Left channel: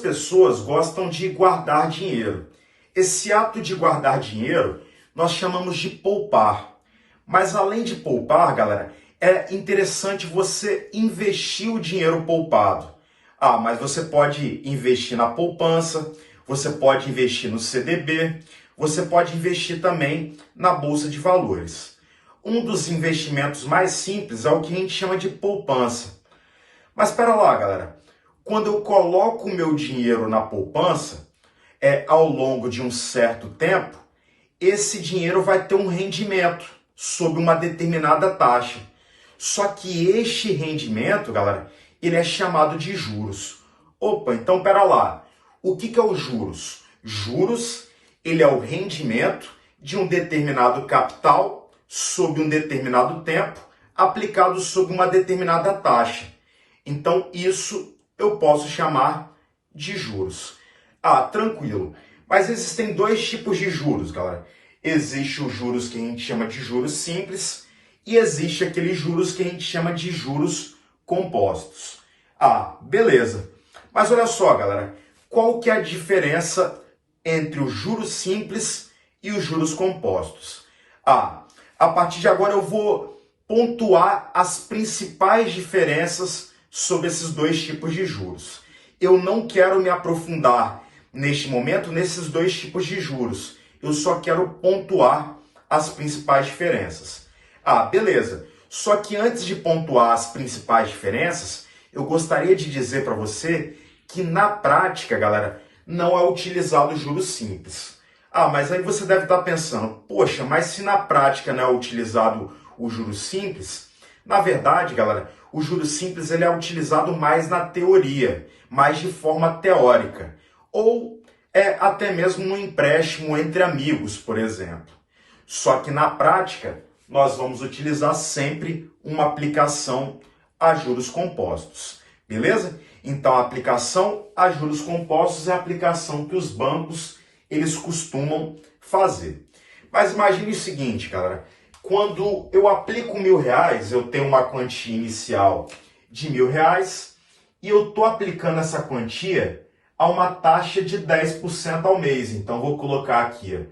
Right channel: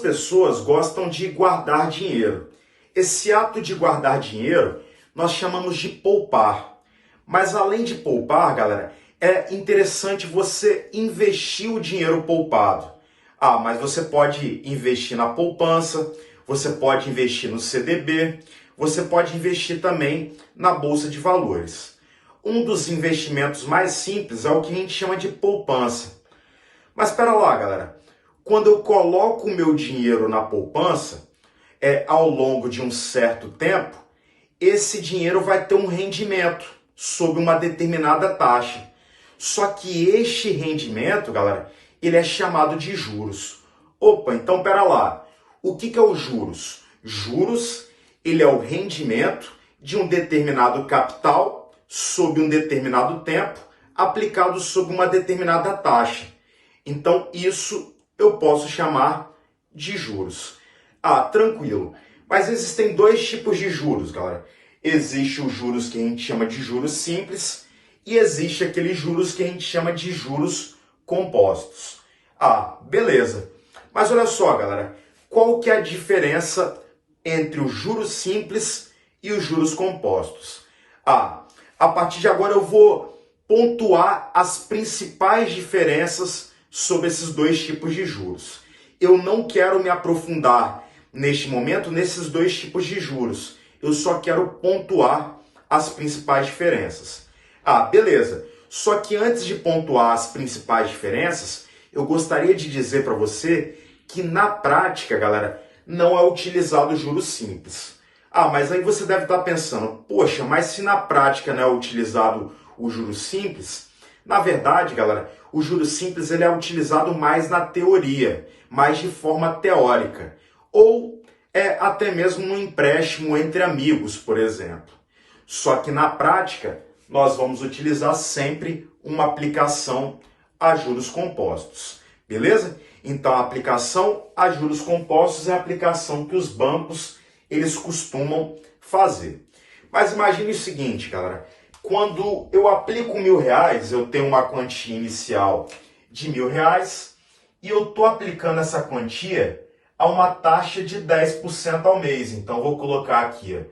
pessoas gostam de guardar dinheiro. Esse ato de guardar dinheiro nós chamamos de poupar. Mas além de poupar, galera, é interessante você investir o dinheiro poupado. Mas você pode investir na poupança, você pode investir no CDB, você pode investir também na Bolsa de Valores. Um dos investimentos mais simples é o que a gente chama de poupança. Mas espera lá, galera. Quando eu coloco o meu dinheiro na poupança, ao longo de um certo tempo, esse dinheiro vai ter um rendimento sob uma determinada taxa. Só que este rendimento, galera, ele é chamado de juros. Então espera lá. O que é os juros? Juros, ele é o rendimento de um determinado capital sob um determinado tempo, aplicado sob uma determinada taxa. Então, isso eu posso chamar de juros. Tranquilo. Mas existem dois tipos de juros, galera. Existe os juros que a gente chama de juros simples e existe aqueles juros que a gente chama de juros compostos. Beleza. Mas olha só, galera. Qual que é a diferença entre os juros simples e os juros compostos? A partir de agora eu vou pontuar as principais diferenças sobre esses dois tipos de juros. Eu não quero me aprofundar neste momento nesses dois tipos de juros. Eu só quero pontuar as principais diferenças. Beleza. Só que antes de pontuar as principais diferenças, eu gostaria de dizer para você que na prática, galera, não é utilizado juros simples. Mas aí você deve estar pensando, poxa, mas se na prática não é utilizado o juros simples, na verdade, galera, o juros simples ele é utilizado mais na teoria, mais de forma teórica, ou até mesmo no empréstimo entre amigos, por exemplo. Só que na prática, nós vamos utilizar sempre uma aplicação a juros compostos, beleza? Então, a aplicação a juros compostos é a aplicação que os bancos eles costumam fazer. Mas imagine o seguinte, galera. Quando eu aplico R$1.000, eu tenho uma quantia inicial de R$1.000 e eu estou aplicando essa quantia a uma taxa de 10% ao mês. Então, vou colocar aqui,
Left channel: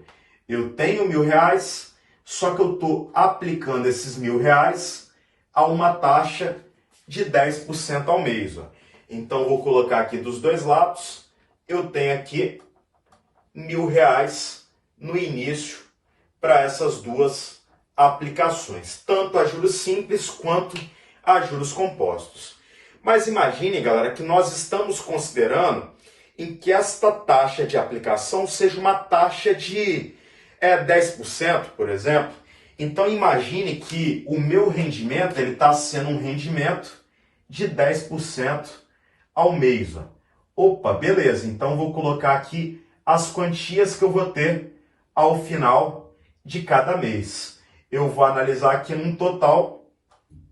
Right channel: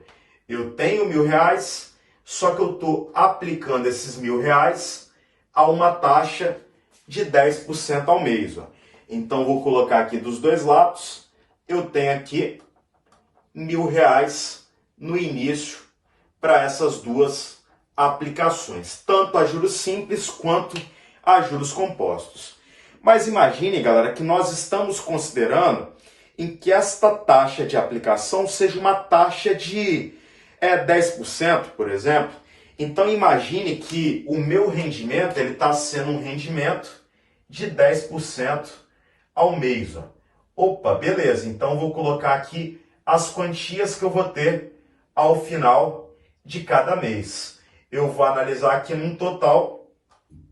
eu tenho R$1.000, só que eu estou aplicando esses R$1.000 a uma taxa de 10% ao mês. Então, vou colocar aqui dos dois lados, eu tenho aqui R$1.000 no início para essas duas aplicações, tanto a juros simples quanto a juros compostos. Mas imagine, galera, que nós estamos considerando em que esta taxa de aplicação seja uma taxa de 10%, por exemplo. Então imagine que o meu rendimento ele está sendo um rendimento de 10% ao mês. Beleza, então vou colocar aqui as quantias que eu vou ter ao final de cada mês. Eu vou analisar aqui num total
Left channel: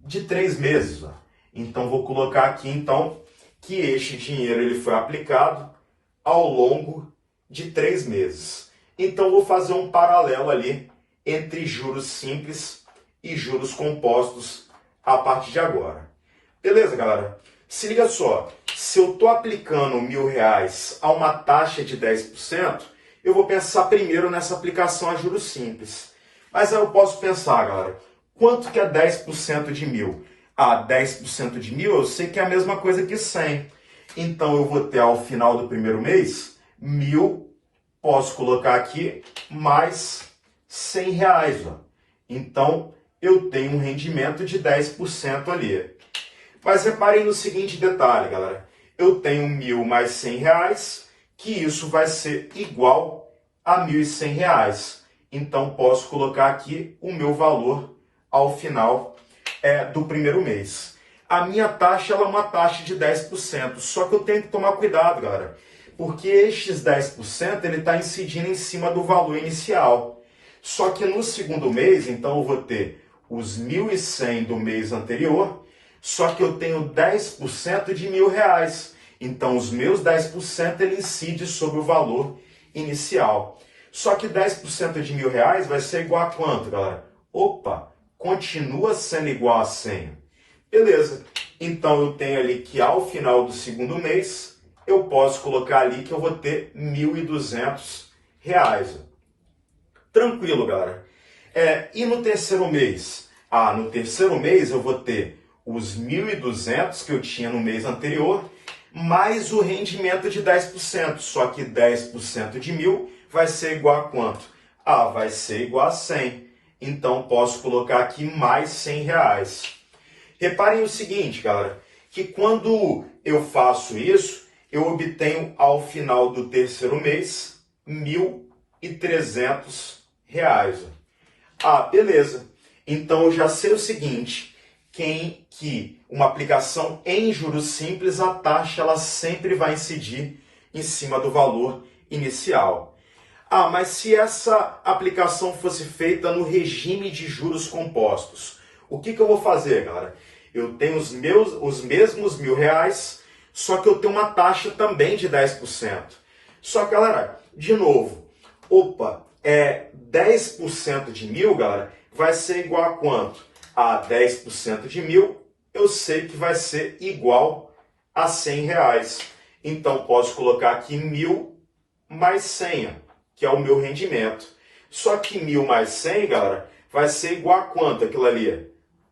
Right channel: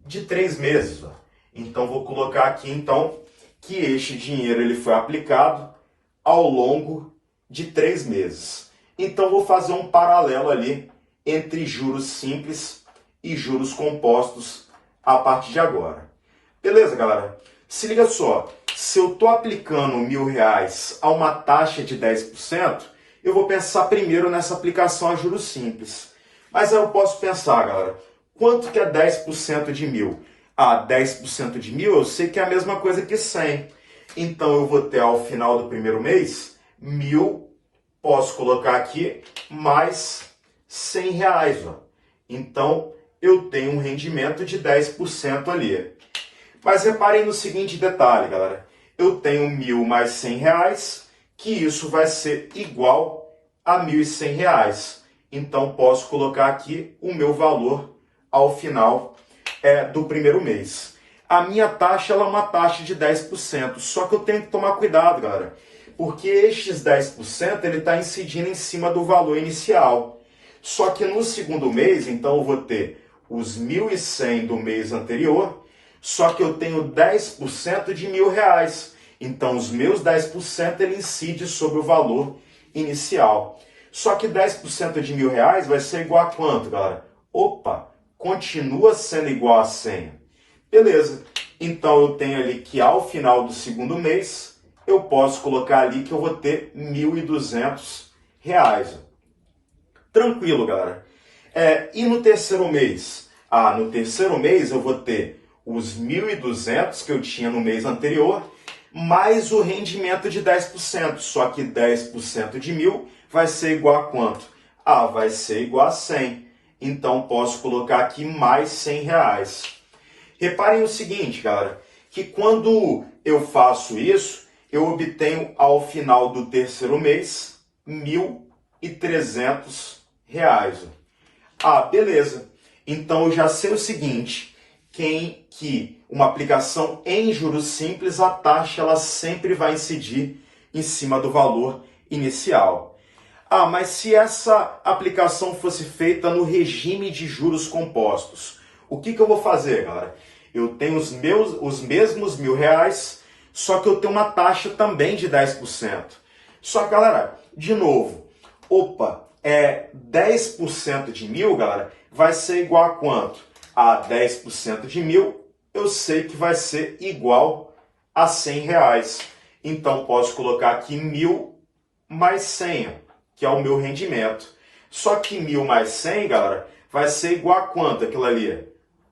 de 3 meses. Então, vou colocar aqui, então, que este dinheiro ele foi aplicado ao longo de 3 meses. Então, vou fazer um paralelo ali entre juros simples e juros compostos a partir de agora. Beleza, galera? Se liga só, se eu estou aplicando R$1.000 a uma taxa de 10%, eu vou pensar primeiro nessa aplicação a juros simples. Mas aí eu posso pensar, galera, quanto que é 10% de 1.000? 10% de 1.000 eu sei que é a mesma coisa que 100. Então eu vou ter ao final do primeiro mês, 1.000, posso colocar aqui, mais R$100. Então eu tenho um rendimento de 10% ali. Mas reparem no seguinte detalhe, galera. Eu tenho 1.000 mais R$100, que isso vai ser igual a R$1.100. Então, posso colocar aqui o meu valor ao final do primeiro mês. A minha taxa ela é uma taxa de 10%, só que eu tenho que tomar cuidado, galera. Porque estes 10% ele está incidindo em cima do valor inicial. Só que no segundo mês, então, eu vou ter os 1.100 do mês anterior, só que eu tenho 10% de R$1.000. Então, os meus 10% ele incide sobre o valor inicial. Só que 10% de R$1.000 vai ser igual a quanto, galera? Continua sendo igual a 100. Beleza. Então, eu tenho ali que ao final do segundo mês, eu posso colocar ali que eu vou ter R$ 1.200. Tranquilo, galera. E no terceiro mês? No terceiro mês eu vou ter os 1.200 que eu tinha no mês anterior, mais o rendimento de 10%. Só que 10% de 1.000 vai ser igual a quanto? Vai ser igual a 100. Então, posso colocar aqui mais R$ 100. Reparem o seguinte, galera, que quando eu faço isso, eu obtenho ao final do terceiro mês R$ 1.300. Beleza. Então, eu já sei o seguinte, que uma aplicação em juros simples, a taxa ela sempre vai incidir em cima do valor inicial. Mas se essa aplicação fosse feita no regime de juros compostos, o que eu vou fazer, galera? Eu tenho os mesmos R$ 1.000, só que eu tenho uma taxa também de 10%. Só que, galera, de novo, 10% de 1.000, galera, vai ser igual a quanto? 10% de 1.000, eu sei que vai ser igual a R$ 100. Então, posso colocar aqui 1.000 mais 100, que é o meu rendimento. Só que 1.000 mais 100, galera, vai ser igual a quanto aquilo ali?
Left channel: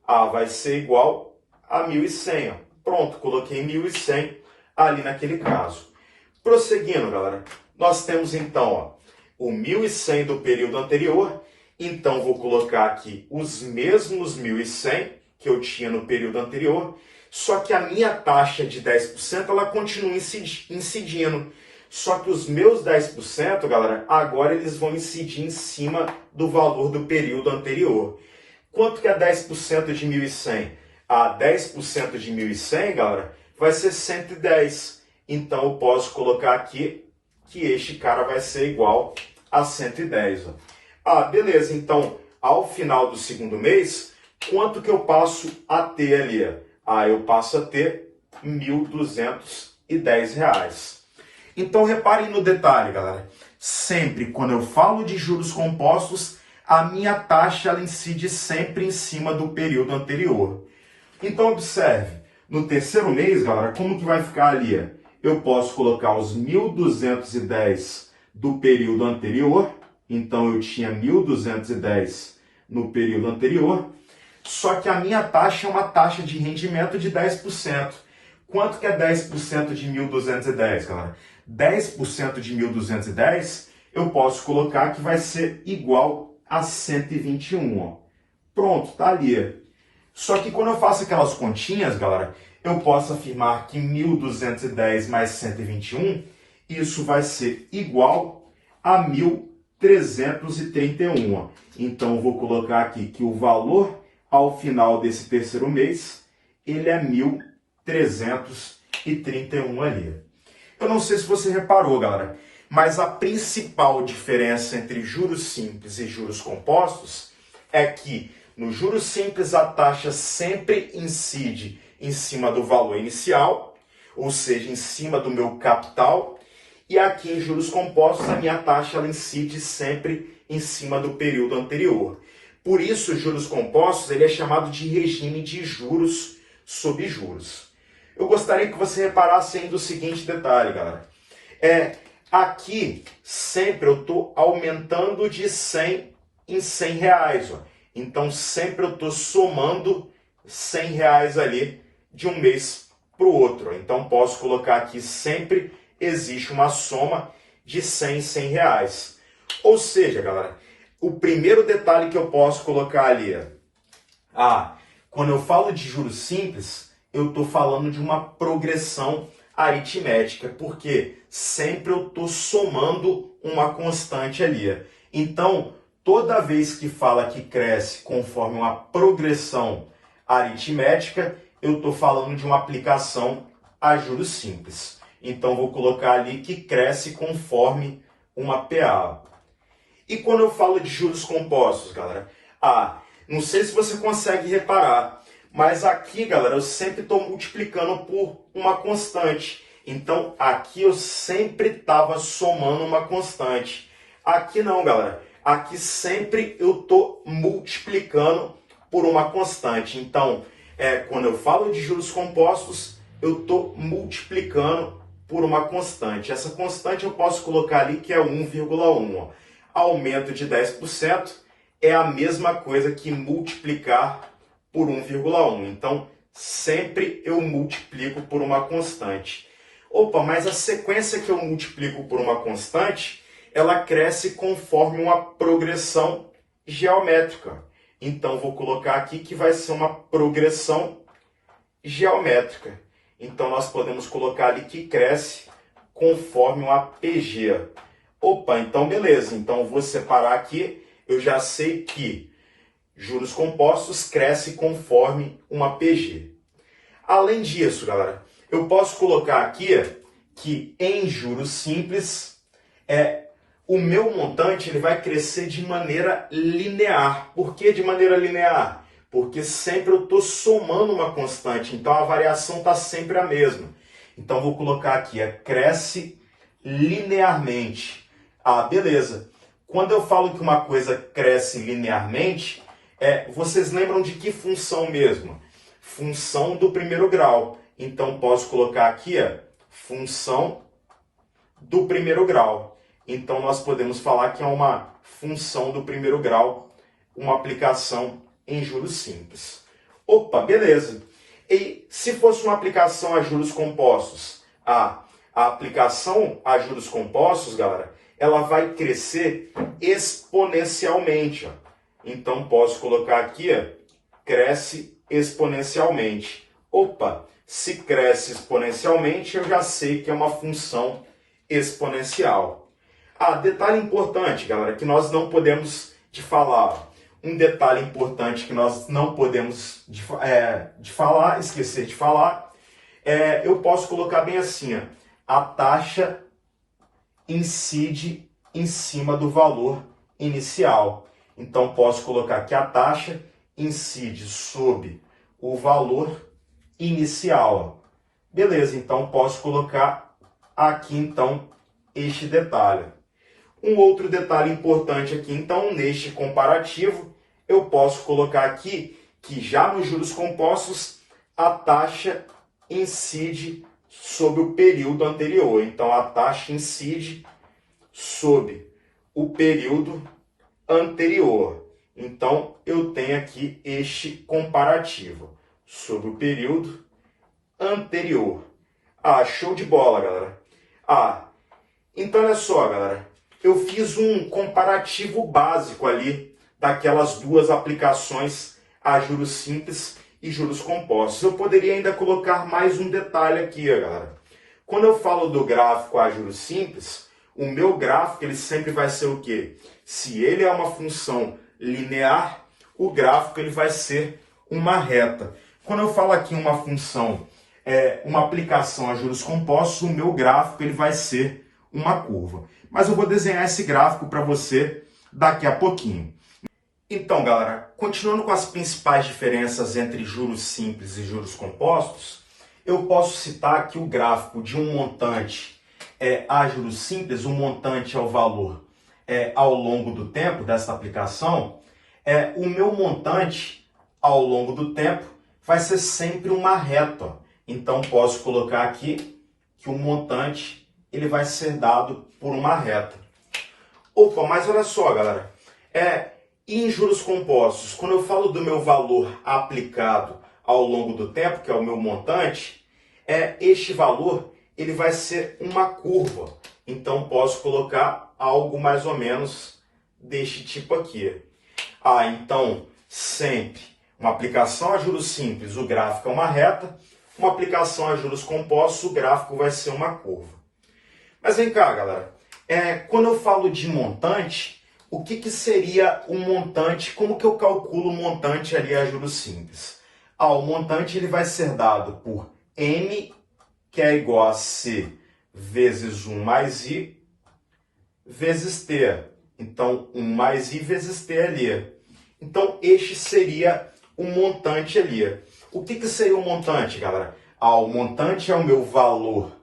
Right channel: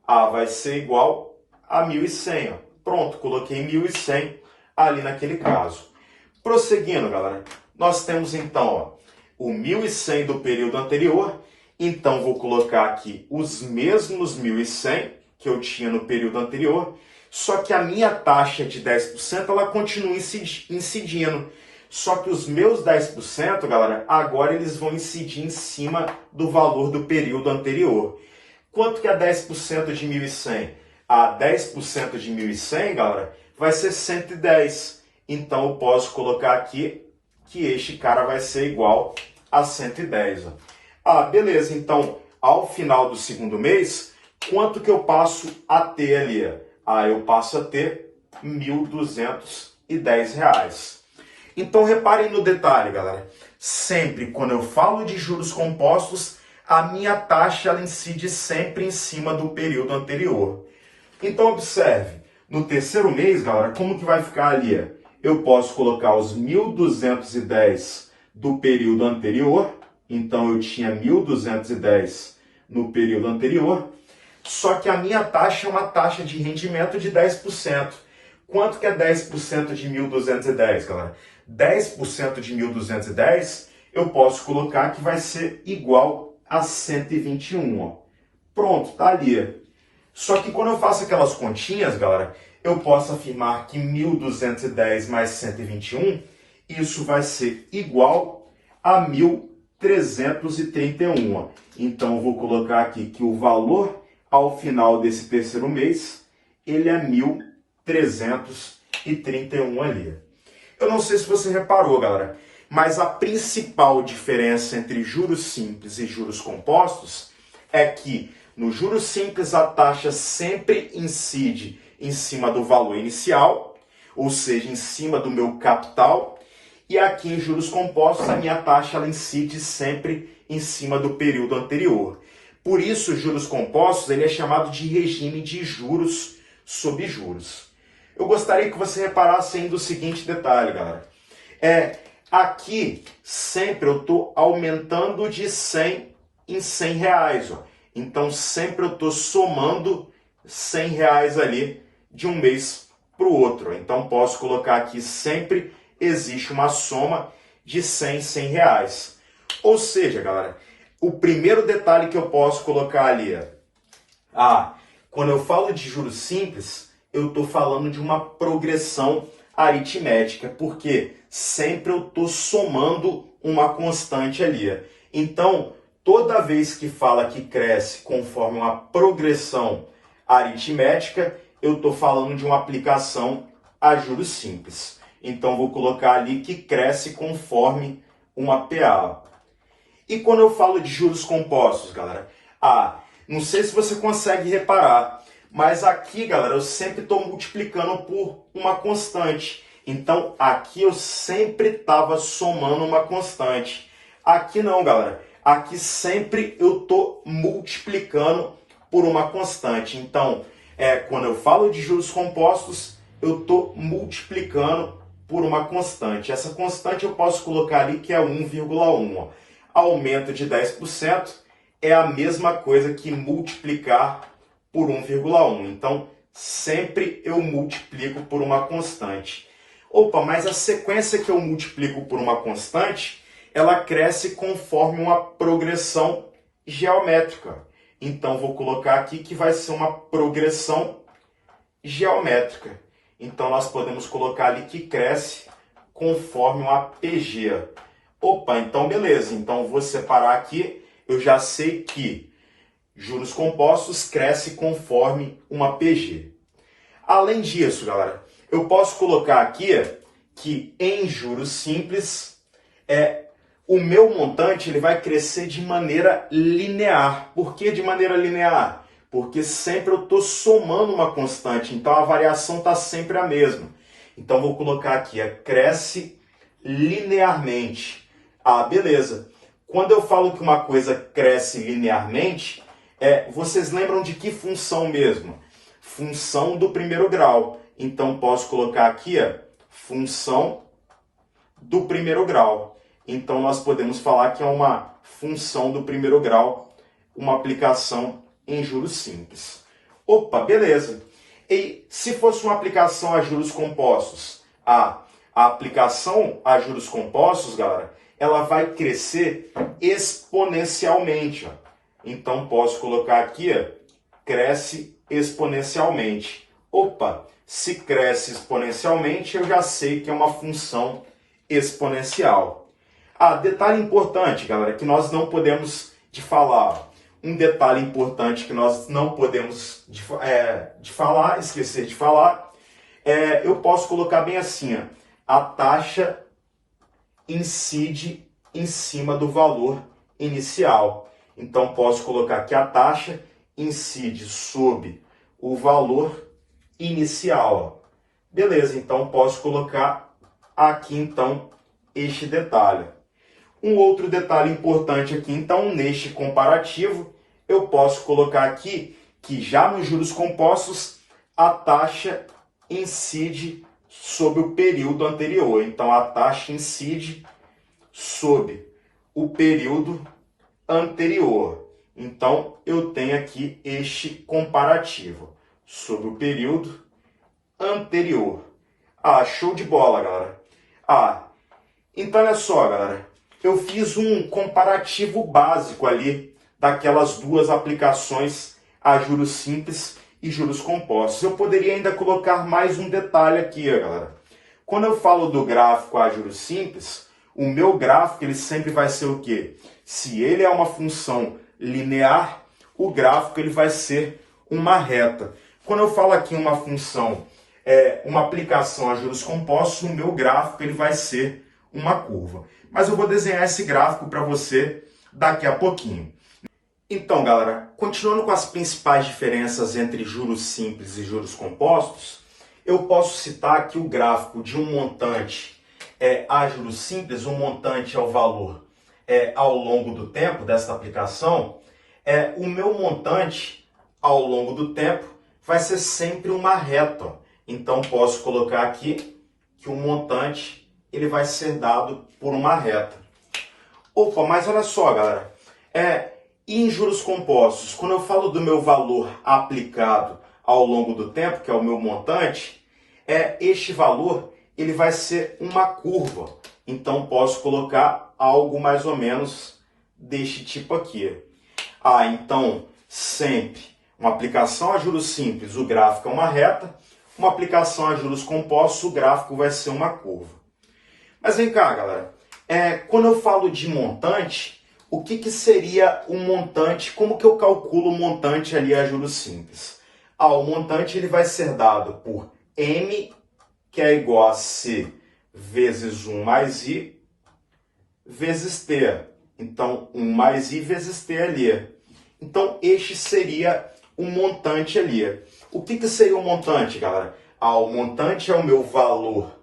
Vai ser igual a 1.100. Pronto, coloquei 1.100 ali naquele caso. Prosseguindo, galera, nós temos então o 1.100 do período anterior. Então, vou colocar aqui os mesmos 1.100 que eu tinha no período anterior, só que a minha taxa de 10% ela continua incidindo. Só que os meus 10%, galera, agora eles vão incidir em cima do valor do período anterior. Quanto que é 10% de 1.100? 10% de 1.100, galera, vai ser 110. Então, eu posso colocar aqui que este cara vai ser igual a 110. Beleza. Então, ao final do segundo mês, quanto que eu passo a ter ali? Eu passo a ter R$ 1.210. Então, reparem no detalhe, galera. Sempre quando eu falo de juros compostos, a minha taxa ela incide sempre em cima do período anterior. Então, observe. No terceiro mês, galera, como que vai ficar ali? Eu posso colocar os 1.210 do período anterior. Então, eu tinha 1.210 no período anterior. Só que a minha taxa é uma taxa de rendimento de 10%. Quanto que é 10% de 1.210, galera? 10% de 1.210, eu posso colocar que vai ser igual a 121. Pronto, tá ali. Só que quando eu faço aquelas continhas, galera, eu posso afirmar que 1.210 mais 121, isso vai ser igual a 1.331. Então, vou colocar aqui que o valor ao final desse terceiro mês, ele é 1.331 ali. Eu não sei se você reparou, galera, mas a principal diferença entre juros simples e juros compostos é que no juros simples a taxa sempre incide em cima do valor inicial, ou seja, em cima do meu capital, e aqui em juros compostos a minha taxa ela incide sempre em cima do período anterior. Por isso, os juros compostos ele é chamado de regime de juros sobre juros. Eu gostaria que você reparasse ainda o seguinte detalhe, galera. Aqui, sempre eu estou aumentando de 100 em 100 reais. Então, sempre eu estou somando 100 reais ali de um mês para o outro. Então, posso colocar aqui sempre existe uma soma de 100 em 100 reais. Ou seja, galera, o primeiro detalhe que eu posso colocar ali é... quando eu falo de juros simples, eu estou falando de uma progressão aritmética, porque sempre eu estou somando uma constante ali. Então, toda vez que fala que cresce conforme uma progressão aritmética, eu estou falando de uma aplicação a juros simples. Então, vou colocar ali que cresce conforme uma PA. E quando eu falo de juros compostos, galera? Não sei se você consegue reparar, mas aqui, galera, eu sempre estou multiplicando por uma constante. Então, aqui eu sempre estava somando uma constante. Aqui não, galera. Aqui sempre eu estou multiplicando por uma constante. Então, quando eu falo de juros compostos, eu estou multiplicando por uma constante. Essa constante eu posso colocar ali que é 1,1. Ó. Aumento de 10% é a mesma coisa que multiplicar por 1,1. Então, sempre eu multiplico por uma constante. Opa, mas a sequência que eu multiplico por uma constante, ela cresce conforme uma progressão geométrica. Então, vou colocar aqui que vai ser uma progressão geométrica. Então, nós podemos colocar ali que cresce conforme uma PG. Opa, então beleza. Então, vou separar aqui. Eu já sei que juros compostos cresce conforme uma PG. Além disso, galera, eu posso colocar aqui que em juros simples, o meu montante ele vai crescer de maneira linear. Por que de maneira linear? Porque sempre eu estou somando uma constante, então a variação está sempre a mesma. Então vou colocar aqui, cresce linearmente. Ah, beleza. Quando eu falo que uma coisa cresce linearmente, vocês lembram de que função mesmo? Função do primeiro grau. Então posso colocar aqui, função do primeiro grau. Então nós podemos falar que é uma função do primeiro grau, uma aplicação em juros simples. Opa, beleza. E se fosse uma aplicação a juros compostos? A aplicação a juros compostos, galera, ela vai crescer exponencialmente. Ó. Então posso colocar aqui, cresce exponencialmente. Opa, se cresce exponencialmente, eu já sei que é uma função exponencial. Detalhe importante, galera, que nós não podemos de falar. Um detalhe importante que nós não podemos esquecer de falar, eu posso colocar bem assim, a taxa incide em cima do valor inicial. Então, posso colocar que a taxa incide sobre o valor inicial. Beleza, então posso colocar aqui, então, este detalhe. Um outro detalhe importante aqui, então, neste comparativo, eu posso colocar aqui que já nos juros compostos, a taxa incide sobre o período anterior. Então, a taxa incide sobre o período anterior. Então, eu tenho aqui este comparativo sobre o período anterior. Show de bola, galera. Então, olha só, galera. Eu fiz um comparativo básico ali daquelas duas aplicações a juros simples e juros compostos. Eu poderia ainda colocar mais um detalhe aqui, galera. Quando eu falo do gráfico a juros simples, o meu gráfico ele sempre vai ser o quê? Se ele é uma função linear, o gráfico ele vai ser uma reta. Quando eu falo aqui uma função, uma aplicação a juros compostos, o meu gráfico ele vai ser uma curva. Mas eu vou desenhar esse gráfico para você daqui a pouquinho. Então, galera, continuando com as principais diferenças entre juros simples e juros compostos, eu posso citar aqui o gráfico de um montante a juros simples, o montante é o valor ao longo do tempo dessa aplicação. O meu montante ao longo do tempo vai ser sempre uma reta. Então, posso colocar aqui que o montante ele vai ser dado por uma reta. Opa, mas olha só, galera. Em juros compostos, quando eu falo do meu valor aplicado ao longo do tempo, que é o meu montante, este valor ele vai ser uma curva. Então, posso colocar algo mais ou menos deste tipo aqui. Então, sempre uma aplicação a juros simples, o gráfico é uma reta. Uma aplicação a juros compostos, o gráfico vai ser uma curva. Mas vem cá, galera. Quando eu falo de montante, o que seria um montante? Como que eu calculo o montante ali a juros simples? O montante ele vai ser dado por M, que é igual a C vezes 1 mais I, vezes T. Então, 1 mais I vezes T ali. Então, este seria o montante ali. O que seria o montante, galera? O montante é o meu valor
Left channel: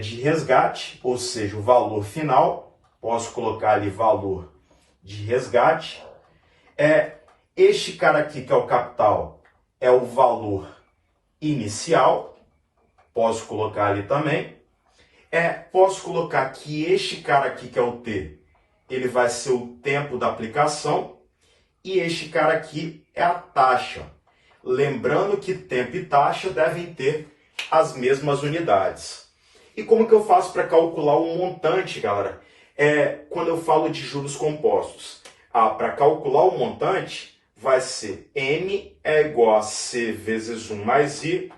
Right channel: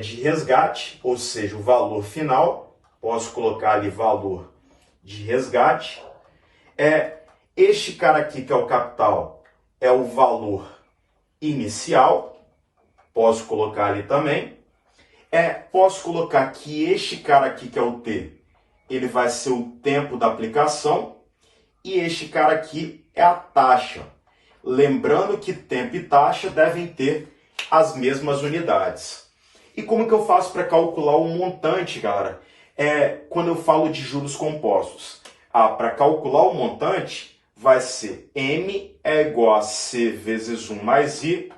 de resgate, ou seja, o valor final. Posso colocar ali valor de resgate. Este cara aqui, que é o capital, é o valor inicial. Posso colocar ali também. Posso colocar que este cara aqui, que é o T, ele vai ser o tempo da aplicação, e este cara aqui é a taxa. Lembrando que tempo e taxa devem ter as mesmas unidades. E como que eu faço para calcular o montante, galera? Quando eu falo de juros compostos. Para calcular o montante, vai ser M é igual a C vezes 1 mais I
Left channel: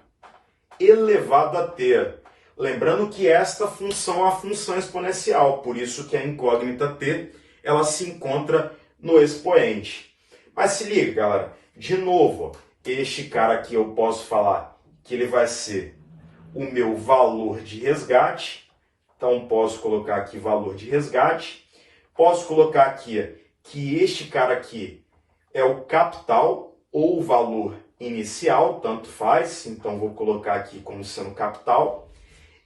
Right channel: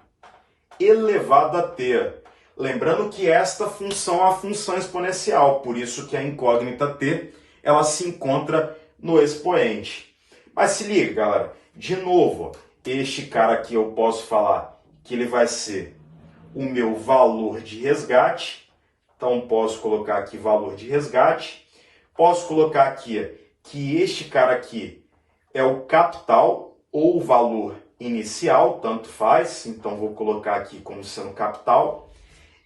elevado a T. Lembrando que esta função é a função exponencial, por isso que a incógnita T ela se encontra no expoente. Mas se liga, galera, de novo, este cara aqui eu posso falar que ele vai ser o meu valor de resgate. Então, posso colocar aqui valor de resgate. Posso colocar aqui que este cara aqui é o capital ou o valor inicial, tanto faz. Então, vou colocar aqui como sendo capital.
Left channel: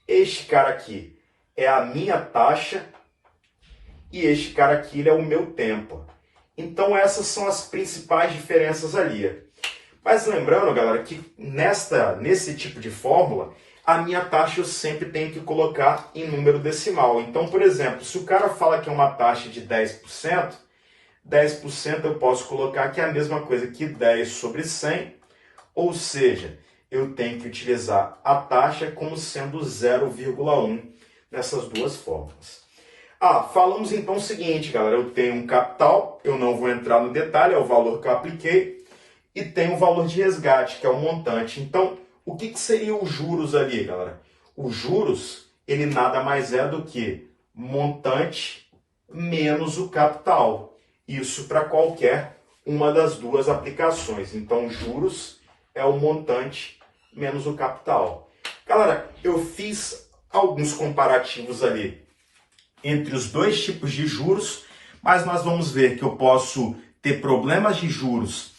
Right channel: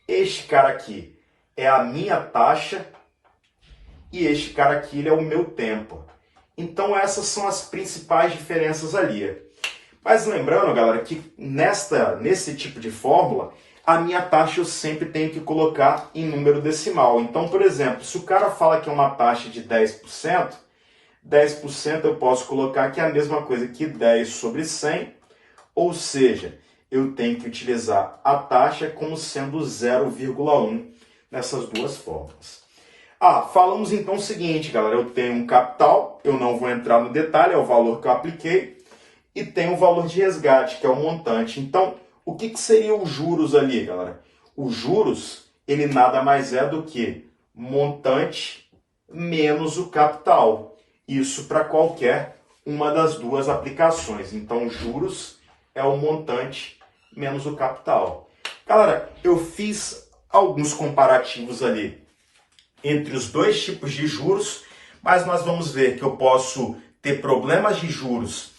Este cara aqui é a minha taxa e este cara aqui ele é o meu tempo. Então, essas são as principais diferenças ali. Mas lembrando, galera, que nesse tipo de fórmula, a minha taxa eu sempre tenho que colocar em número decimal. Então, por exemplo, se o cara fala que é uma taxa de 10%, 10% eu posso colocar que é a mesma coisa que 10 sobre 100, ou seja, eu tenho que utilizar a taxa como sendo 0,1 nessas duas fórmulas. Falamos então o seguinte, galera, eu tenho um capital, eu não vou entrar no detalhe, é o valor que eu apliquei, e tenho o valor de resgate, que é o montante. Então, o que seria os juros ali, galera? Os juros, ele nada mais é do que montante menos o capital. Isso para qualquer uma das duas aplicações. Então, juros é o montante menos o capital. Galera, eu fiz alguns comparativos ali entre os dois tipos de juros, mas nós vamos ver que eu posso ter problemas de juros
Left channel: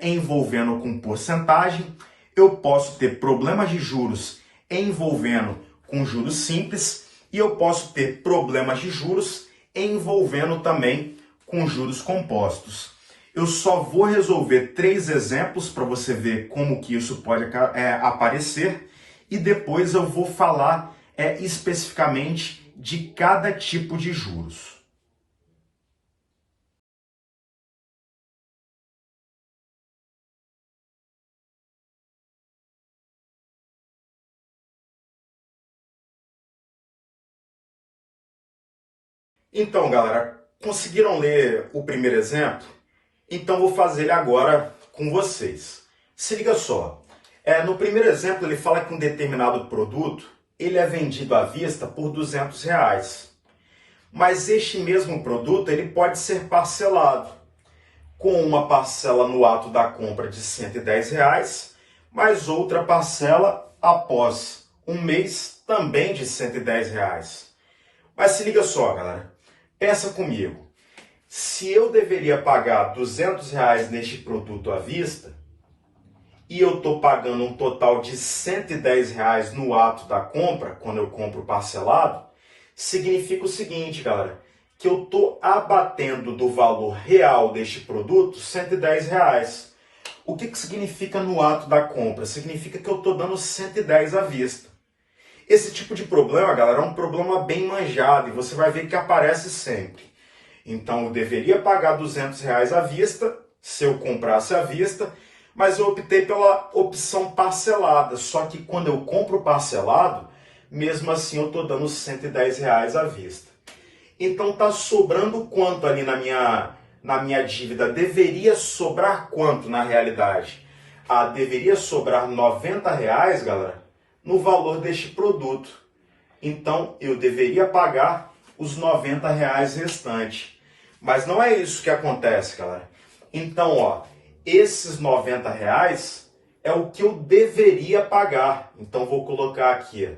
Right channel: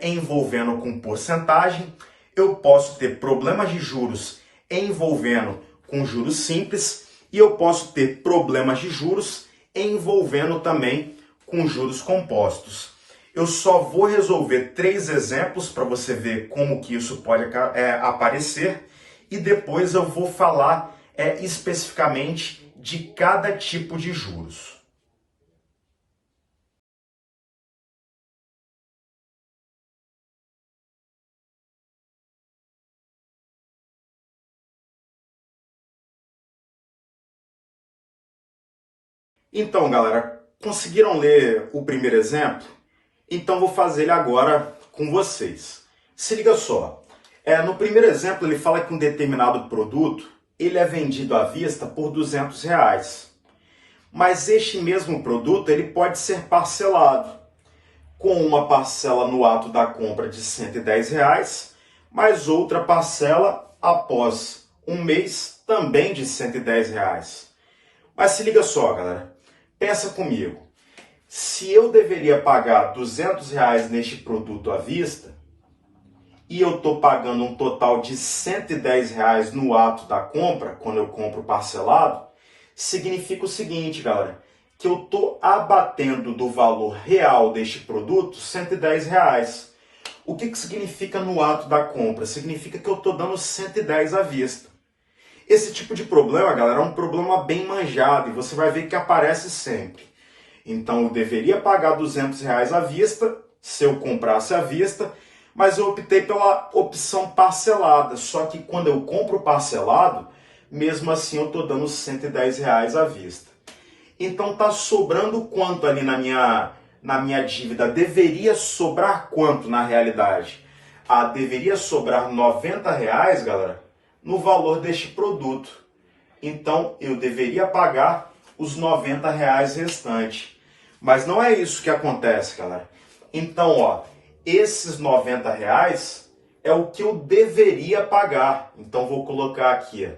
envolvendo com porcentagem, eu posso ter problemas de juros envolvendo com juros simples e eu posso ter problemas de juros envolvendo também com juros compostos. Eu só vou resolver 3 exemplos para você ver como que isso pode aparecer e depois eu vou falar especificamente de cada tipo de juros. Então, galera, conseguiram ler o primeiro exemplo? Então, vou fazer ele agora com vocês. Se liga só. No primeiro exemplo, ele fala que um determinado produto ele é vendido à vista por R$200. Mas este mesmo produto ele pode ser parcelado, com uma parcela no ato da compra de R$110, mais outra parcela após um mês também de R$110. Mas se liga só, galera. Pensa comigo. Se eu deveria pagar R$200 neste produto à vista, e eu estou pagando um total de R$110 no ato da compra, quando eu compro parcelado, significa o seguinte, galera, que eu estou abatendo do valor real deste produto R$110. O que significa no ato da compra? Significa que eu estou dando 110 à vista. Esse tipo de problema, galera, é um problema bem manjado e você vai ver que aparece sempre. Então, eu deveria pagar R$200 à vista, se eu comprasse à vista, mas eu optei pela opção parcelada. Só que quando eu compro parcelado, mesmo assim eu estou dando R$110 à vista. Então, está sobrando quanto ali na minha dívida? Deveria sobrar quanto na realidade? Deveria sobrar R$90, galera, no valor deste produto. Então, eu deveria pagar os R$90 restantes. Mas não é isso que acontece, galera. Então, esses R$90 é o que eu deveria pagar. Então, vou colocar aqui.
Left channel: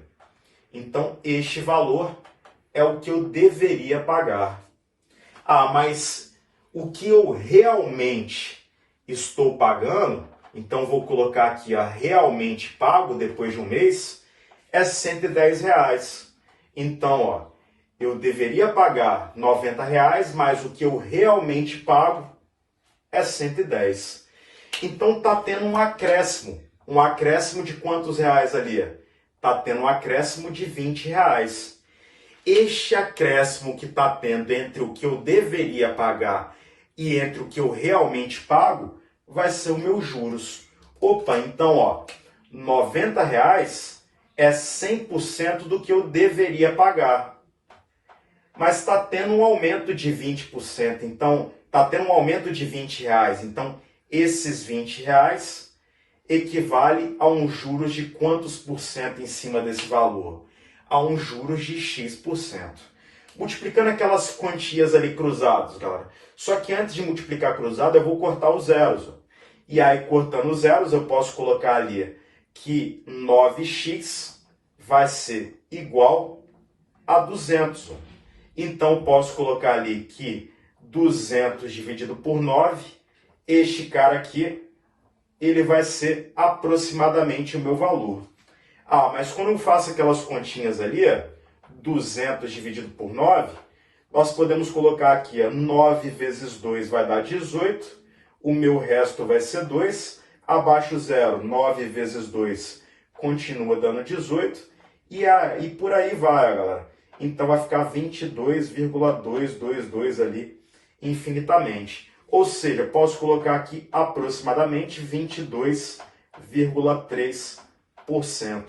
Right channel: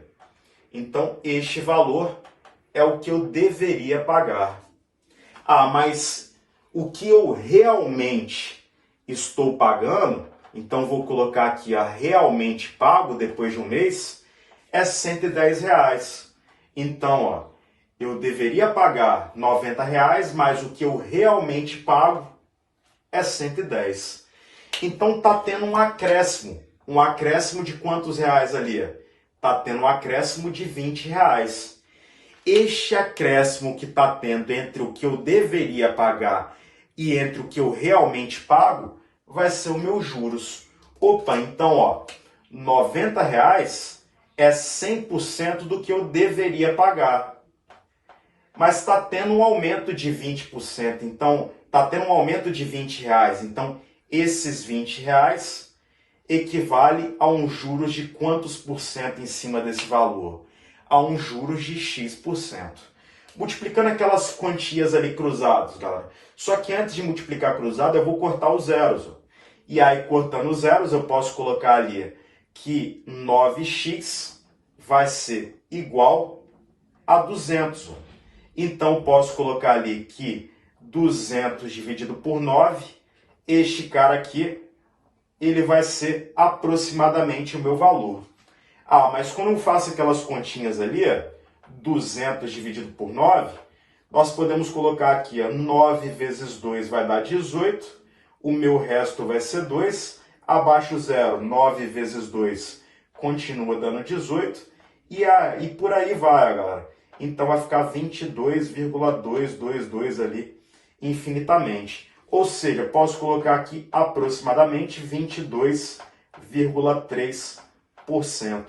Então, este valor é o que eu deveria pagar. Mas o que eu realmente estou pagando, então vou colocar aqui realmente pago depois de um mês, é R$110. Então, eu deveria pagar R$90, mas o que eu realmente pago é 110. Então, está tendo um acréscimo. Um acréscimo de quantos reais ali? está tendo um acréscimo de R$ 20. Este acréscimo que está tendo entre o que eu deveria pagar e entre o que eu realmente pago vai ser o meu juros. Opa, então, ó, R$ 90 é 100% do que eu deveria pagar. Mas está tendo um aumento de 20%, então está tendo um aumento de R$ 20. Então, esses R$ 20 equivale a um juros de quantos por cento em cima desse valor? A um juros de X%. Multiplicando aquelas quantias ali cruzadas, galera. Só que antes de multiplicar cruzado, eu vou cortar os zeros. Ó. E aí, cortando os zeros, eu posso colocar ali que 9x vai ser igual a 200. Ó. Então, posso colocar ali que 200 dividido por 9, este cara aqui, ele vai ser aproximadamente o meu valor. Ah, mas quando eu faço aquelas continhas ali, 200 dividido por 9, nós podemos colocar aqui, 9 vezes 2 vai dar 18, o meu resto vai ser 2, abaixo zero, 9 vezes 2 continua dando 18, e por aí vai, galera. Então vai ficar 22,222 ali infinitamente. Ou seja, posso colocar aqui aproximadamente 22,3%.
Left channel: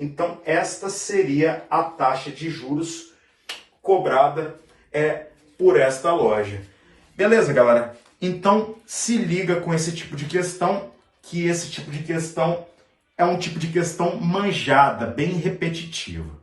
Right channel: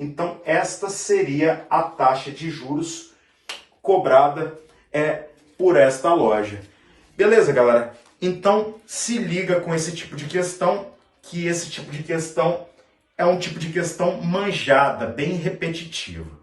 Então, esta seria a taxa de juros cobrada por esta loja. Beleza, galera? Então, se liga com esse tipo de questão, que esse tipo de questão é um tipo de questão manjada, bem repetitiva.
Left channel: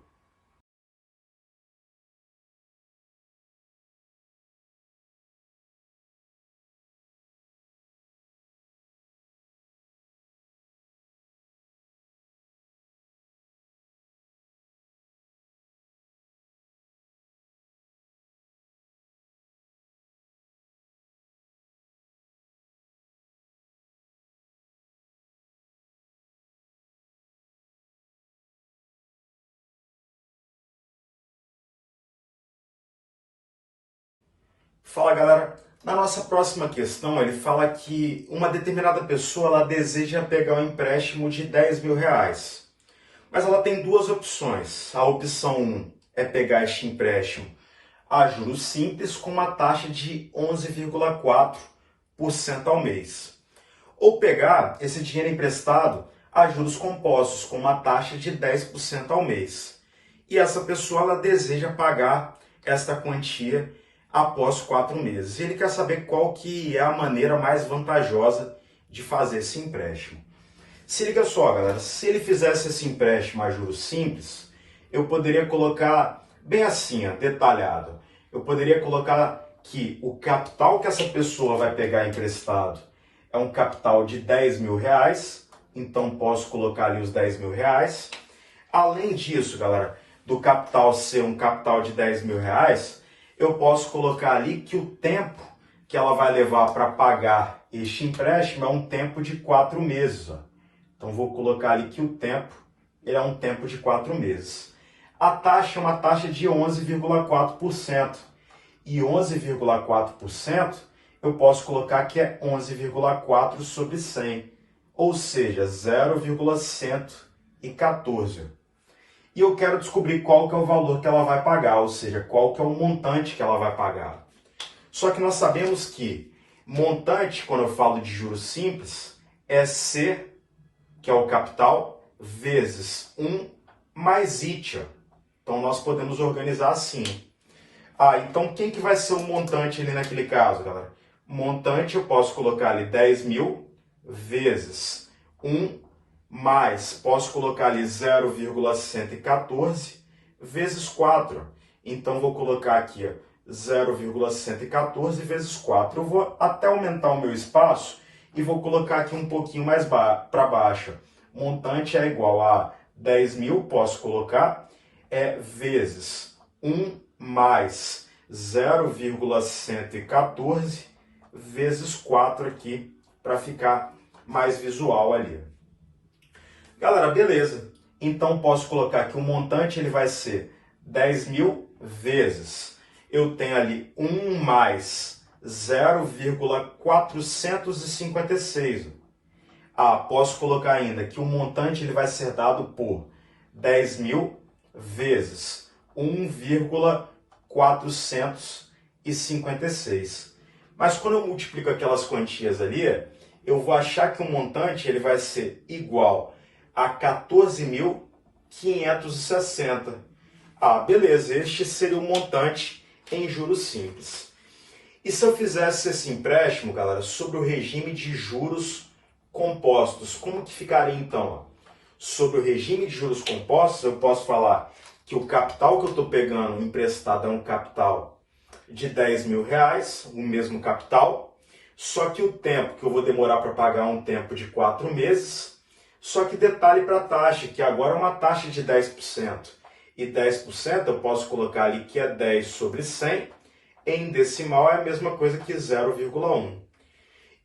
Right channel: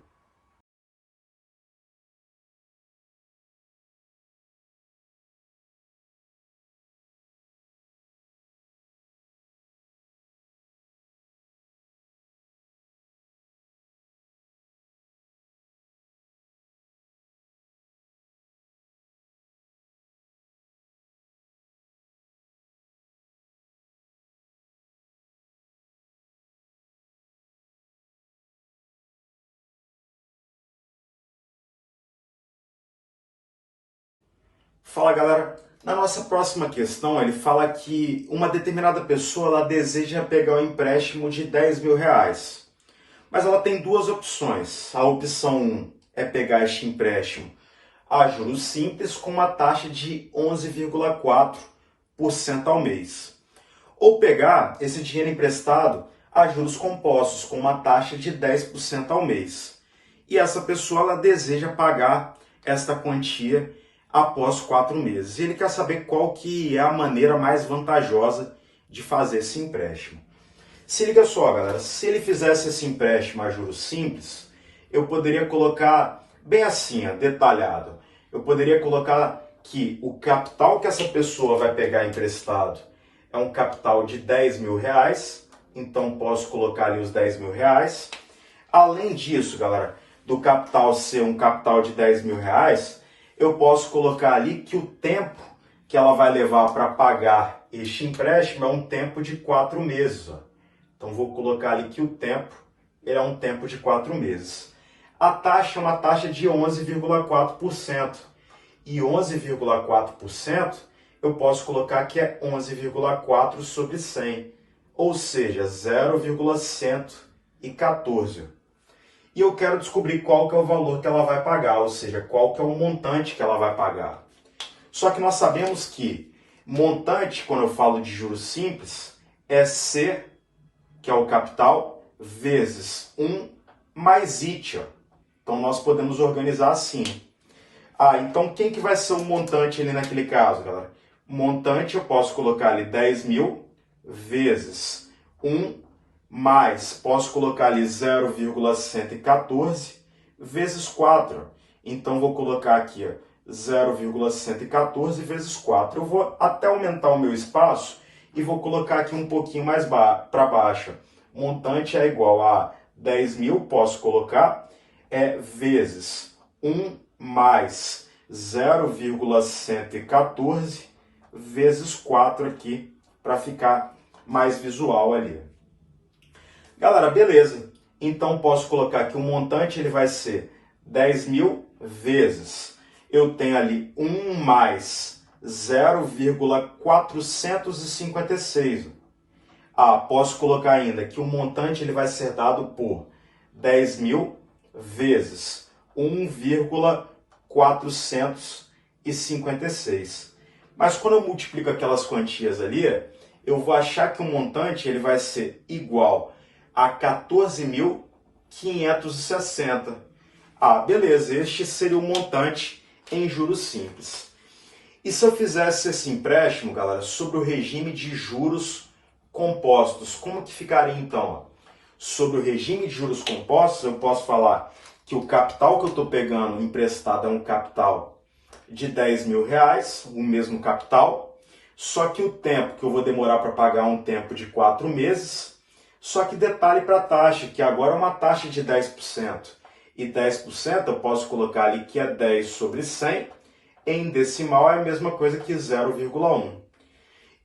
Fala, galera. Na nossa próxima questão, ele fala que uma determinada pessoa ela deseja pegar um empréstimo de R$ 10.000. Mas ela tem duas opções. A opção 1 é pegar este empréstimo a juros simples com uma taxa de 11,4% ao mês. Ou pegar esse dinheiro emprestado a juros compostos com uma taxa de 10% ao mês. E essa pessoa ela deseja pagar esta quantia após 4 meses. E ele quer saber qual que é a maneira mais vantajosa de fazer esse empréstimo. Se liga só, galera, se ele fizesse esse empréstimo a juros simples, eu poderia colocar bem assim, detalhado. Eu poderia colocar que o capital que essa pessoa vai pegar emprestado é um capital de R$ 10.000, então posso colocar ali os R$ 10.000. Além disso, galera, do capital ser um capital de R$ 10.000, eu posso colocar ali que o tempo que ela vai levar para pagar este empréstimo é um tempo de 4 meses. Ó. Então, vou colocar ali que o tempo ele é um tempo de 4 meses. A taxa é uma taxa de 11,4%. E 11,4% eu posso colocar que é 11,4 sobre 100. Ou seja, 0,114. E eu quero descobrir qual que é o valor que ela vai pagar, ou seja, qual que é o montante que ela vai pagar. Só que nós sabemos que montante, quando eu falo de juros simples, é C, que é o capital, vezes 1 mais IT. Então, nós podemos organizar assim. Então quem que vai ser o montante ali naquele caso, galera? Montante eu posso colocar ali 10.000 vezes 1 mais, posso colocar ali 0,114 vezes 4. Então, vou colocar aqui 0,114 vezes 4. Eu vou até aumentar o meu espaço e vou colocar aqui um pouquinho mais para baixo. Montante é igual a 10.000, posso colocar, vezes 1 mais 0,114 vezes 4 aqui, para ficar mais visual ali. Galera, beleza. Então, posso colocar que o montante ele vai ser 10.000 vezes. Eu tenho ali 1 mais 0,456. Posso colocar ainda que o montante ele vai ser dado por 10 mil vezes 1,456. Mas quando eu multiplico aquelas quantias ali, eu vou achar que o montante ele vai ser igual a 14.560. Ah, beleza, este seria o montante em juros simples. E se eu fizesse esse empréstimo, galera, sobre o regime de juros compostos, como que ficaria então? Sobre o regime de juros compostos, eu posso falar que o capital que eu estou pegando emprestado é um capital de 10 mil reais, o mesmo capital, só que o tempo que eu vou demorar para pagar é um tempo de 4 meses, só que detalhe para a taxa, que agora é uma taxa de 10%. E 10% eu posso colocar ali que é 10 sobre 100, em decimal é a mesma coisa que 0,1.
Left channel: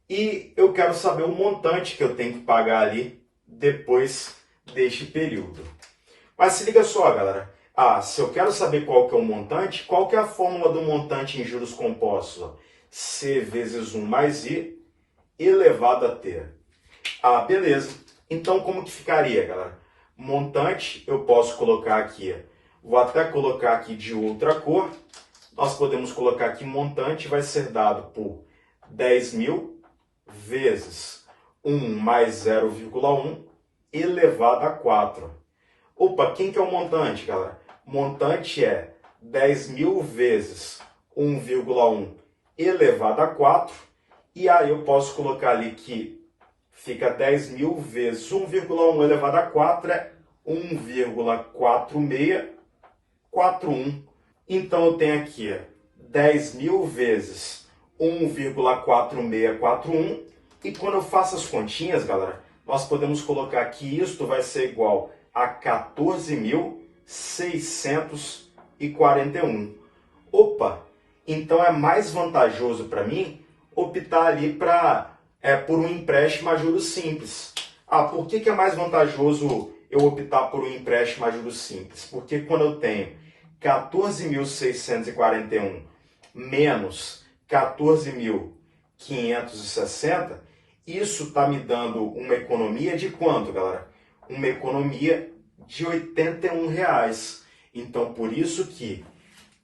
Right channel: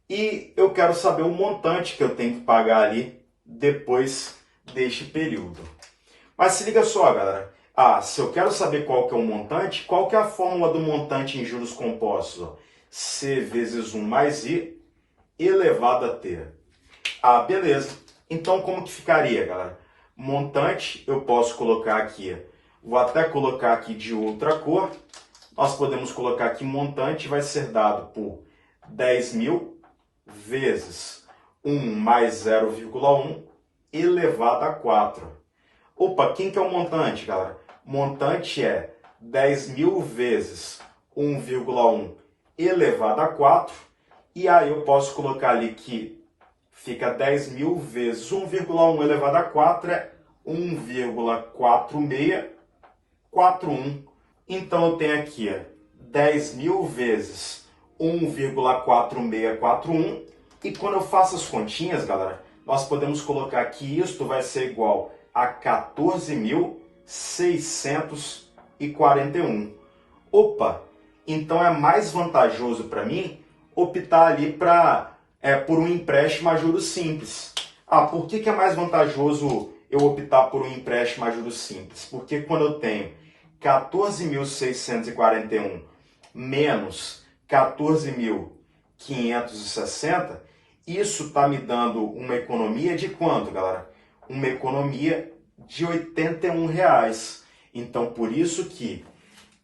E eu quero saber o montante que eu tenho que pagar ali depois deste período. Mas se liga só, galera. Se eu quero saber qual que é o montante, qual que é a fórmula do montante em juros compostos? C vezes 1 mais I elevado a T. Beleza. Então, como que ficaria, galera? Montante, eu posso colocar aqui, vou até colocar aqui de outra cor. Nós podemos colocar que montante vai ser dado por 10 mil vezes 1 mais 0,1 elevado a 4. Opa, quem que é o montante, galera? Montante é 10 mil vezes 1,1 elevado a 4. E aí eu posso colocar ali que fica 10 mil vezes 1,1 elevado a 4 é 1,4641. Então eu tenho aqui 10 mil vezes 1,4641. E quando eu faço as continhas, galera, nós podemos colocar que isto vai ser igual a 14.641. Opa, então é mais vantajoso para mim optar ali por um empréstimo a juros simples. Por que é mais vantajoso eu optar por um empréstimo a juros simples? Porque quando eu tenho 14.641 menos 14.560, isso está me dando uma economia de quanto, galera? Uma economia de R$ 81. Então, por isso que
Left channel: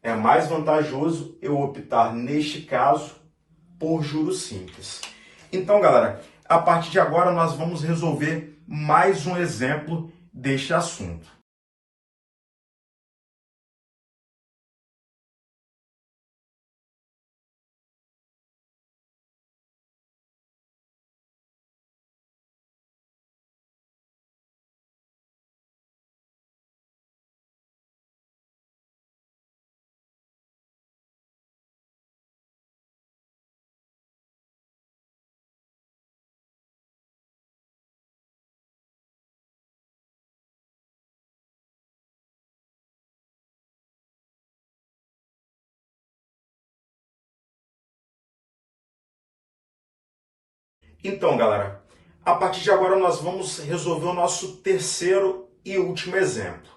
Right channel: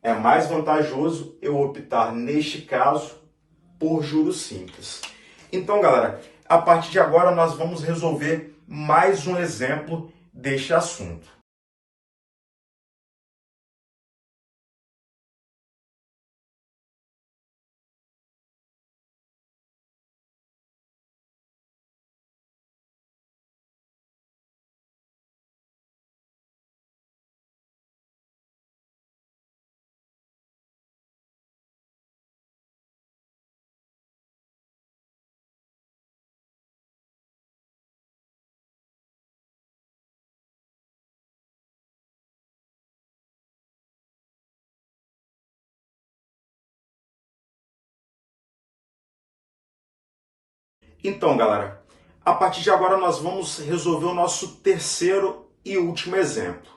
é mais vantajoso eu optar, neste caso, por juros simples. Então, galera, a partir de agora nós vamos resolver mais um exemplo deste assunto. Então, galera, a partir de agora nós vamos resolver o nosso terceiro e último exemplo.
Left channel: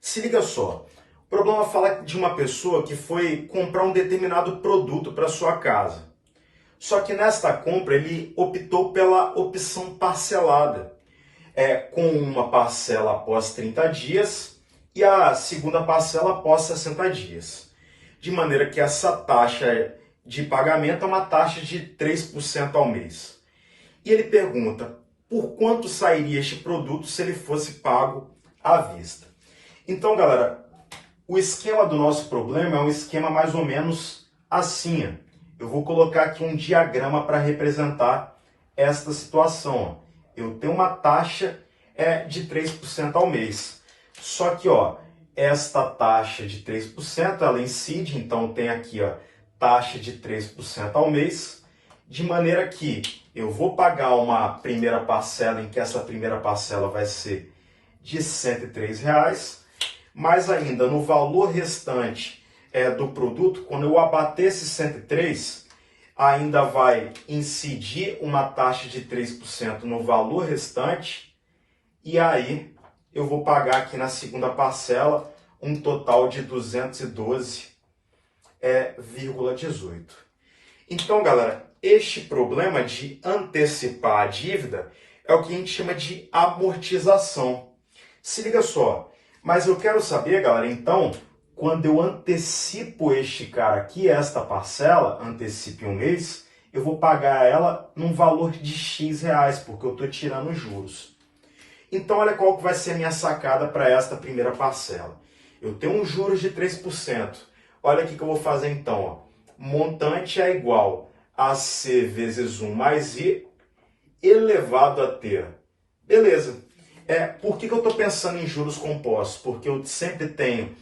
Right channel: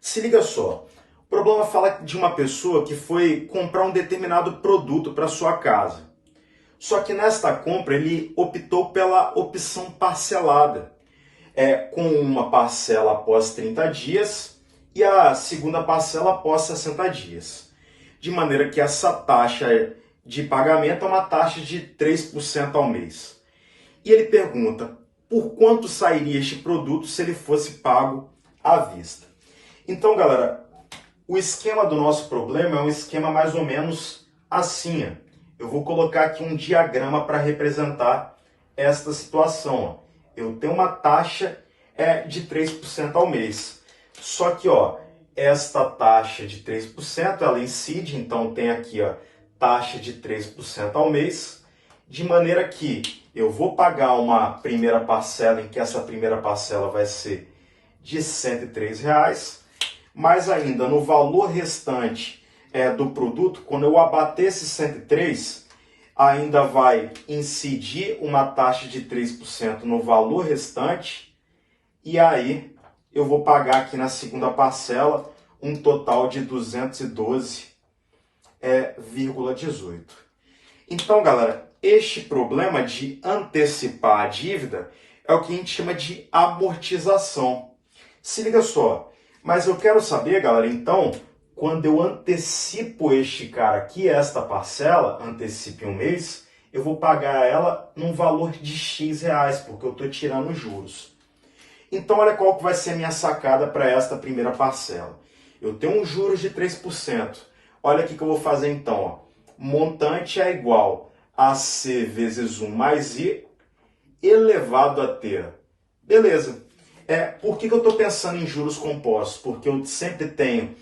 Se liga só, o problema fala de uma pessoa que foi comprar um determinado produto para sua casa. Só que nesta compra ele optou pela opção parcelada, com uma parcela após 30 dias e a segunda parcela após 60 dias. De maneira que essa taxa de pagamento é uma taxa de 3% ao mês. E ele pergunta, por quanto sairia este produto se ele fosse pago à vista? Então, galera, o esquema do nosso problema é um esquema mais ou menos assim. Eu vou colocar aqui um diagrama para representar esta situação. Eu tenho uma taxa de 3% ao mês. Só que, esta taxa de 3%, ela incide, então tem aqui, taxa de 3% ao mês, de maneira que eu vou pagar uma primeira parcela, em que essa primeira parcela vai ser de R$ 103, mas ainda no valor restante do produto, quando eu abater esse 103, ainda vai incidir uma taxa de 3% no valor restante, e aí eu vou pagar aqui na segunda parcela um total de R$ 212,18. Então, galera, este problema de antecipar a dívida é o que a gente chama de amortização. Se liga só, mas eu quero saber, galera, então, quando eu antecipo este cara aqui, esta parcela, antecipe um mês, eu vou pagar ela num valor de X reais, porque eu estou tirando juros. Então, olha qual que vai ser a minha sacada para esta primeira parcela. Eu tenho um juros de 3%. Olha o que eu vou fazer então. Ó. Montante é igual a C vezes 1 mais I elevado a T. Beleza. Por que eu estou pensando em juros compostos? Porque eu sempre tenho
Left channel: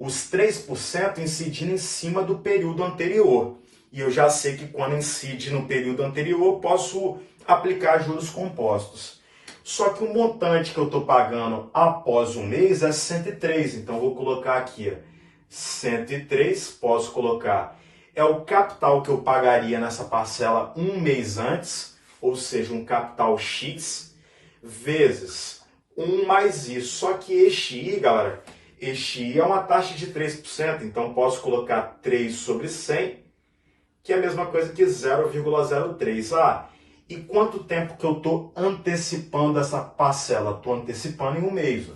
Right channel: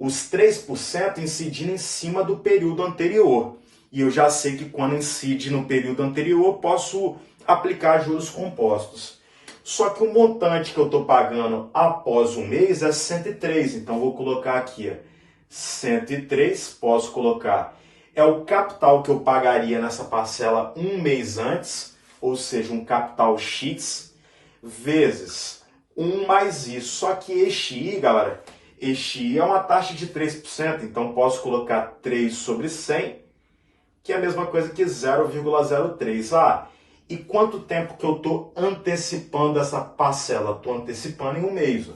os 3% incidindo em cima do período anterior. E eu já sei que quando incide no período anterior, eu posso aplicar juros compostos. Só que o montante que eu estou pagando após um mês é 103. Então, eu vou colocar aqui 103, posso colocar. É o capital que eu pagaria nessa parcela um mês antes, ou seja, um capital X, vezes 1 mais I. Só que este I, galera, este I é uma taxa de 3%, então posso colocar 3 sobre 100, que é a mesma coisa que 0,03. E quanto tempo que eu estou antecipando essa parcela? Estou antecipando em um mês.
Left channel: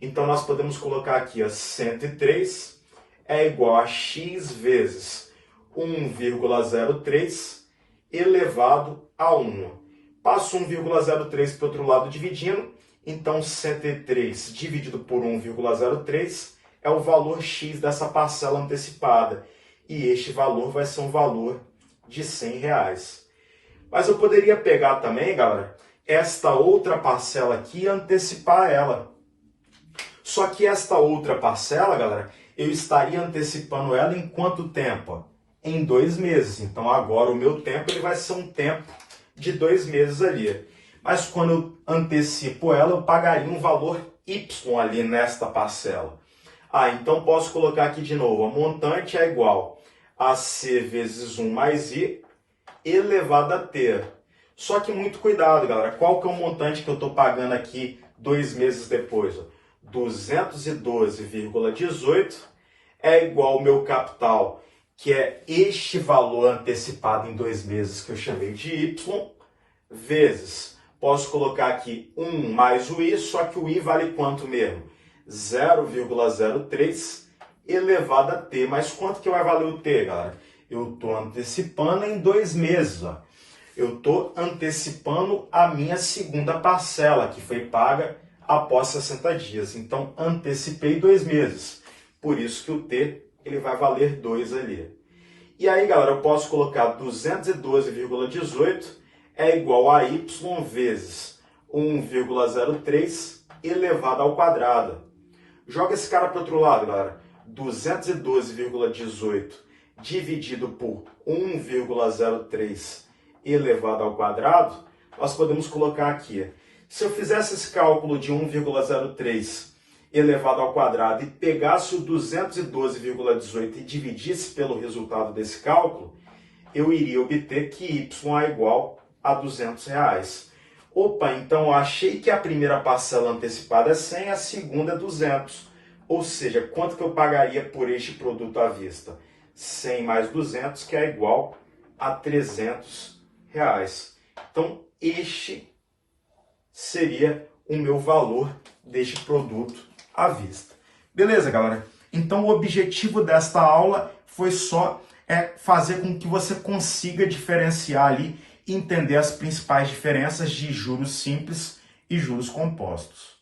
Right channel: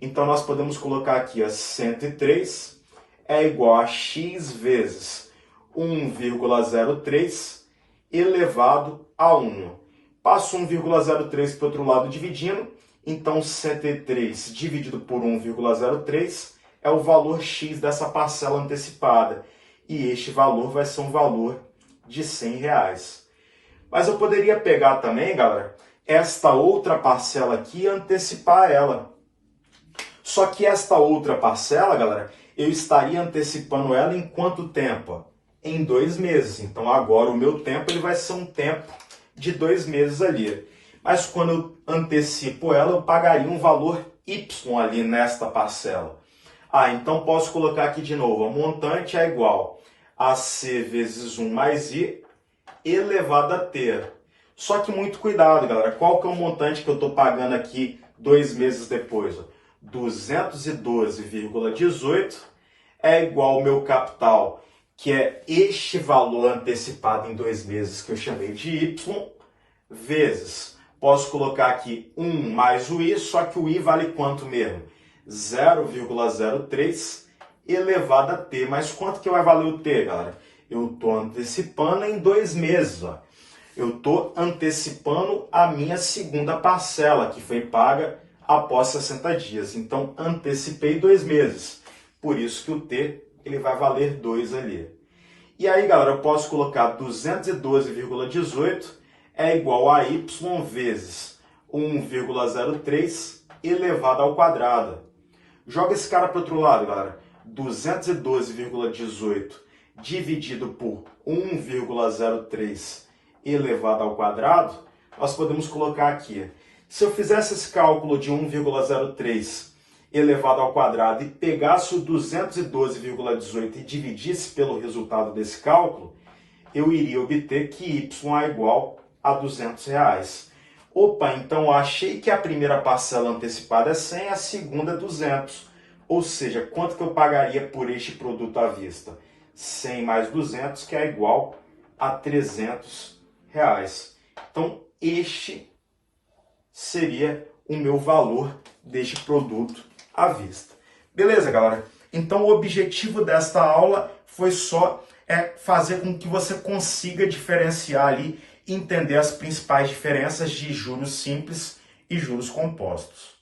Então, nós podemos colocar aqui, 103 é igual a X vezes 1,03 elevado a 1. Passo 1,03 para o outro lado dividindo, então 103 dividido por 1,03 é o valor X dessa parcela antecipada. E este valor vai ser um valor de R$100. Mas eu poderia pegar também, galera, esta outra parcela aqui e antecipar ela. Só que esta outra parcela, galera, eu estaria antecipando ela em quanto tempo? Em 2 meses. Então agora o meu tempo ele vai ser um tempo de 2 meses ali. Mas quando eu antecipo ela, eu pagaria um valor Y ali nesta parcela. Então posso colocar aqui de novo, o montante é igual a C vezes 1 mais I elevado a T. Só que muito cuidado, galera. Qual que é o montante que eu estou pagando aqui 2 meses depois? 212,18 é igual ao meu capital, que é este valor antecipado em 2 meses que eu chamei de Y, vezes, posso colocar aqui 1 mais o I, só que o I vale quanto mesmo? 0,03 elevado a T. Mas quanto que vai valer o T, galera? Eu estou antecipando em 2 meses. Eu estou antecipando a minha segunda parcela, que foi paga após 60 dias. Então, antecipei 2 meses. Por isso que o T ele vai valer 2 ali. E aí, galera, eu posso colocar 212,18 é igual a Y vezes 1,03 elevado ao quadrado. Joga esse cara para o outro lado, galera. 212,18 dividido por 1,03 elevado ao quadrado, nós podemos colocar aqui. Se eu fizesse esse cálculo de 1,03 elevado ao quadrado e pegasse o 212,18 e dividisse pelo resultado desse cálculo, eu iria obter que Y é igual a R$200. Opa, então eu achei que a primeira parcela antecipada é 100, a segunda é 200. Ou seja, quanto que eu pagaria por este produto à vista? 100 mais 200, que é igual a R$300. Então, este seria o meu valor deste produto à vista. Beleza, galera? Então, o objetivo desta aula foi só fazer com que você consiga diferenciar ali e entender as principais diferenças de juros simples e juros compostos.